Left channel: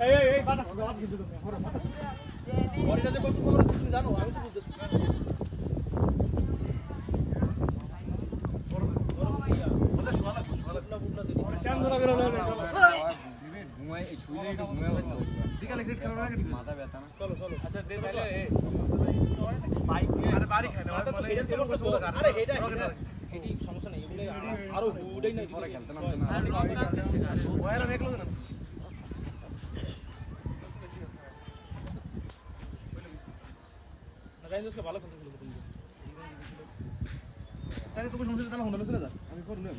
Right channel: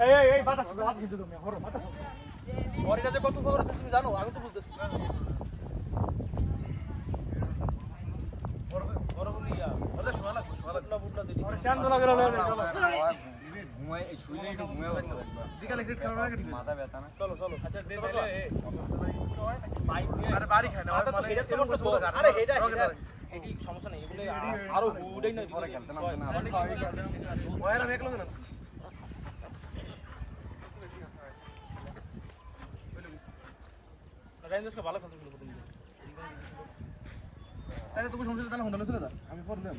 এই বাতাস কিন্তু তুমি হরো বাতাস ওরে যে কত খবর তুমি জানো আমি তো বুঝতেছি বড় বলিয়া ওরে সোয়ালা না বুঝলা দিই শান ধরা গেল ঘুমাই এই ছুইলে একটু ঘুমায় হতো বিকালে ক্রিকেট খেলা না কি মাথা ব্যথা না চলো আচ্ছা দে তাইলে বাইক আরে বাড়ি খায় না মানে এরকম কিছু বড় কারণ আরে এটি সমস্যা নেই এগুলো আরো উড়াই না পরে খেলতে নামতে না ওয়ার আমি একলো না রাইন্দ্র ভালো খেলতে ছিল তুমি তাহলে তুমি সমস্যা তাহলে হোন্ডা চলে যা আমি পরে নিলাম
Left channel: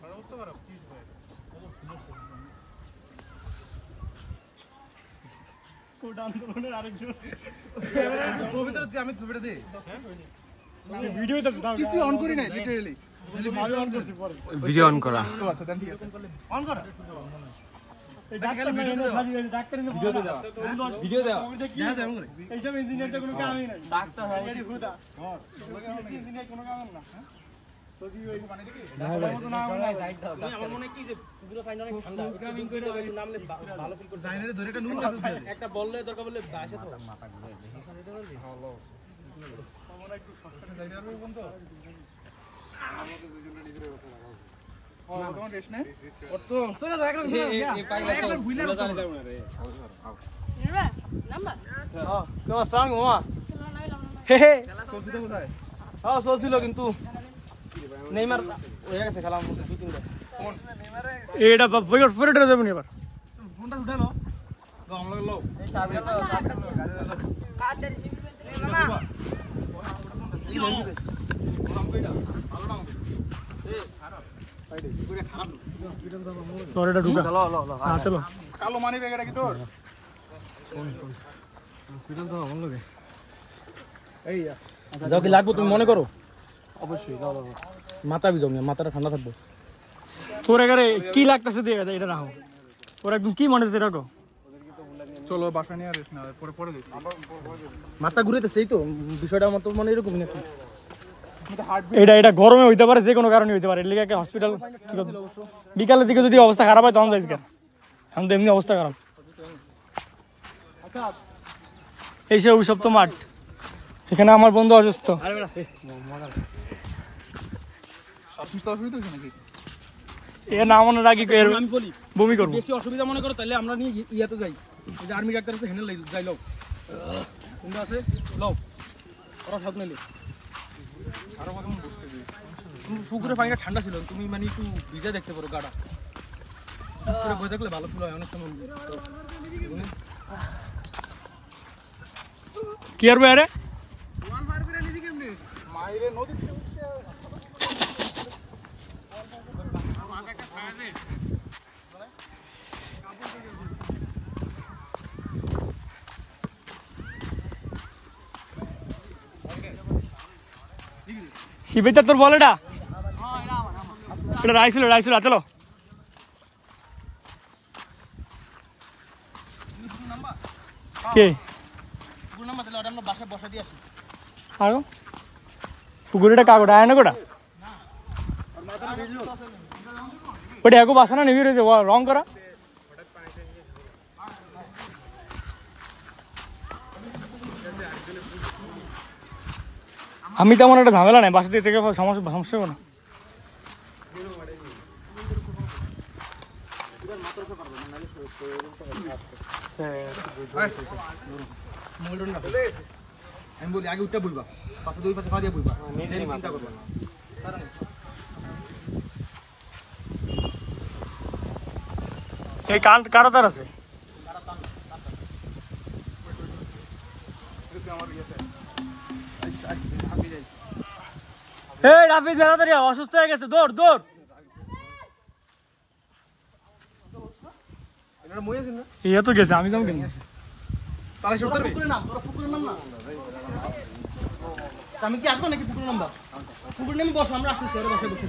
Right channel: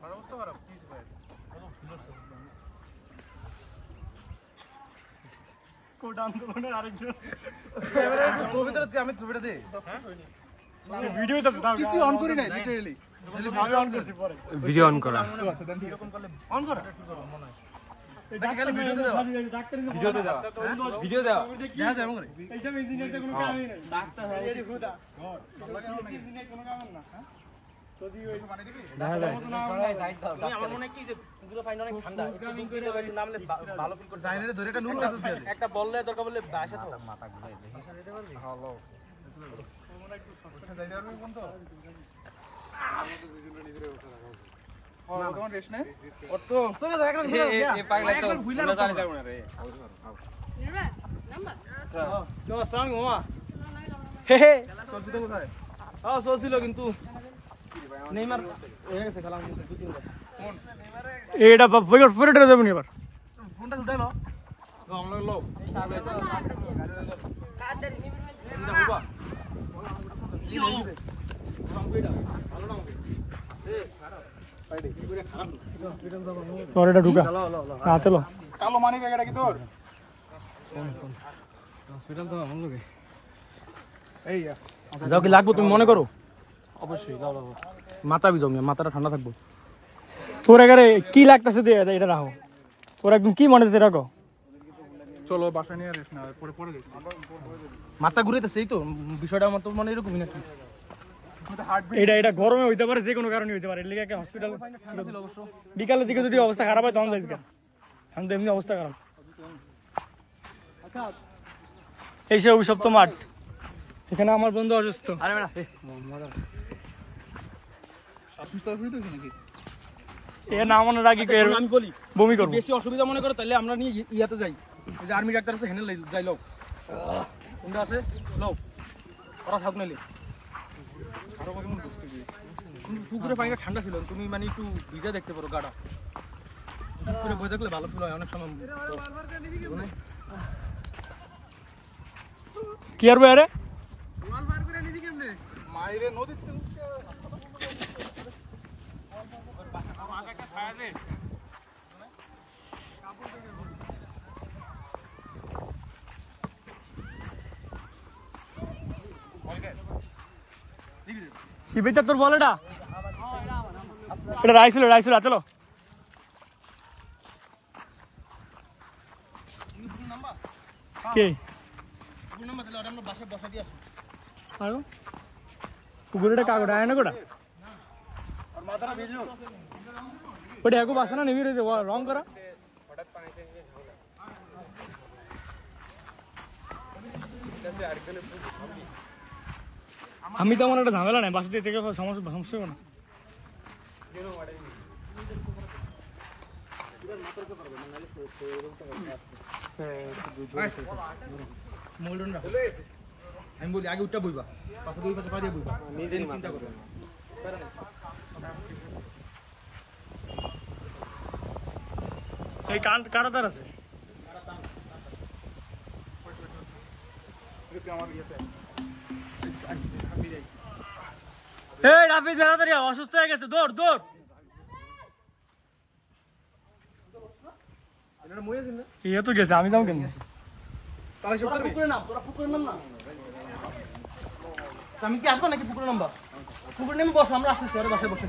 বড় অবস্থা খারাপ কি ভাই কোড আন্দোলনের আরেকজন ক্যামেরা ছবিটা আমি ছবিটা দে হ্যাঁ ভিডিও তো কিছু অন করি নাই লিটারালি অন করছি পরে ভিডিও অন করা আচ্ছা দেন ঠিক আছে অন করা এই ডাক্তার ভিডিও দাও ভিডিও দাও দেখা যায় আমরে এইসব ইঞ্জিনিয়ার তো কোনো কামই নাই ডাক্তার হয় এর খুদা ইঞ্জিনিয়ার কোনো কাম না হ্যাঁ যদি ওই মানে দেখি ডাক্তার মত না হয় সাইড দাও আমার মনে কি যে পুরো ফাইন অনেক ঠান্ডা গ্রামিং করে নামলে ভালো ফিল করে জাইনারে ধরে একটা নুন কাছে দিয়ে একটা বললে দরকার বললে বাসা তো মাথা ঘুরাই দে যেতে পারবি হ্যালো আমার একটু শর্টকাটে যাইতে পারবি কোন তো আমাদের দুজনে নিজেরে ওঠা রাখাও ও তোমার রেশ নাই ওর তো চলে যাও একদম চলে যাও একদম ভুইলা না যাও না রে নাম্বার আচ্ছা কেমন সাং মামা হে হে চলছিল কোথায় হ্যাঁ চলছিল কিন্তু নেইমার হয়ে গেছে খেলা আমাদের দুই তিনবার কোন এটা ফিরে যাবেন এবার ফোনটা উঠাই নাও গাম লাগলো কাদের মামা ইয়ো কাম কইরা ভালো না এ সারা সাইডে পুরো খারাপ হসপিটাল যাব তোর এটা ঢুকা হ্যাঁ চলো কালো মানি ব্যাগ এটা কি তোর কোন হসপিটাল যাব মন লাগে এই যাও কি লাগবে তুমি মনে করো অবশ্যই যাও মাথা ভিজাও মাথাটা ঠান্ডা থাকবো তোর এগারে কি লাগতেছে তুই এটা রাখো তোর একদম কি মনে হচ্ছে রাখো চলো বাসা নিয়ে রেস্ট না পরে পরে দেখছি মাথা ঘুরেতেছে এই তো বিষয়টা আমার তো মানে এরকম নাকি এটা গরমে হইতে পারে যে কোনো কারণে হইতে পারে এর লাগি হসপিটাল বিকালের দিকে যদি অবস্থা খারাপ হয় তখন যাইস কেন এখন তো এমনি অবস্থা খারাপ এই সে অভিশপ্ত মাঠ এখানে আমার বন্ধু অসুস্থ এ না মনে রাখি বমি করবো বেশি অসুবিধা মনে করো তাহলে আমরা নিয়ে ইয়াতে যাই যে আর্মি ডাক্তার আছে হেনে যাই লও কোনটা আছে লও ওরা থাক নাইলে আরো আমাকে মন বসতে দিই পুকুরে পানিটা ঠান্ডা ছিল তুমি মানে একটু ভিজে দেখতে পারো গাটা পুকুরে বসে থাকলে ভালো ফিল হয় অনেক সময় কি আর ভাই আরে ওয়াল ফায়ার করে নিবি কেমনে মাইরে নদী থেকে উঠছে আর আগাটা ছাড়লে শিবিতা তোর বল এটা রাইছিল চলো কে পুকুরিটা কাগজ আয় না কোটা ওটা এগো বাসা না নেবি রয়েছে রং করা আমি তেমন একটা ঝামেলা নাই বাসা থেকে সমস্যা না আমি বলি আগে উঠটা বইবা পাশে দুই পাশে পা দিয়ে বইবা নিজের চিন্তা করবা এই কারা তার আছে এই রাফিজ তাড়াতাড়ি অসুস্থ হয়ে গেছে দৌড় ইয়ে তো গেছে আমি যাবো কেন আমি কি আসবো নাকি পুকুরে নামবা পুকুরে নেমে বসো আমরা আসছি স্যারের বাসায় বসে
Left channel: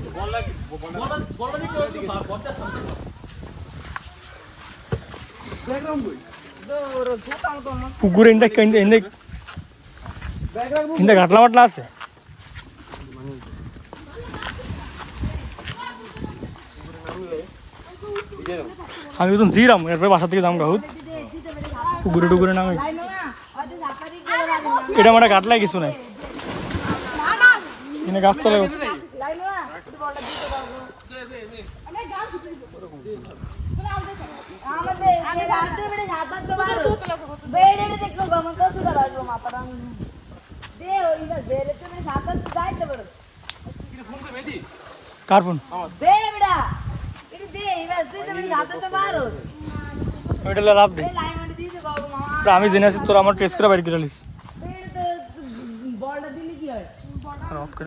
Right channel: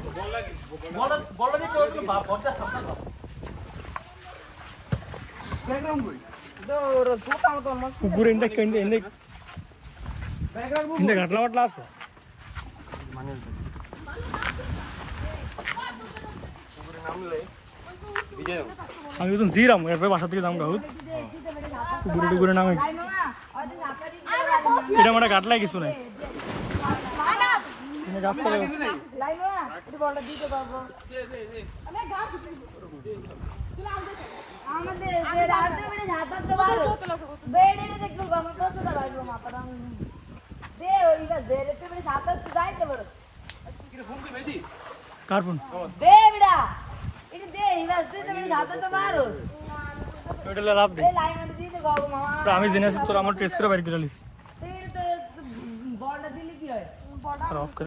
পুকুরে ঘাটলা মাটলা আছে আমি তো জিরাম এরপরে বাসা থেকে যাম গাহুত ঘুরে টুকুরে নামে এটা আমার কাটলাই কিছু নাই এনে গাছ চলে কার ফোন ওইটা লাভ দে আমি জেনে আছি তোর আমার টেস্ট করে বাইর করে লিস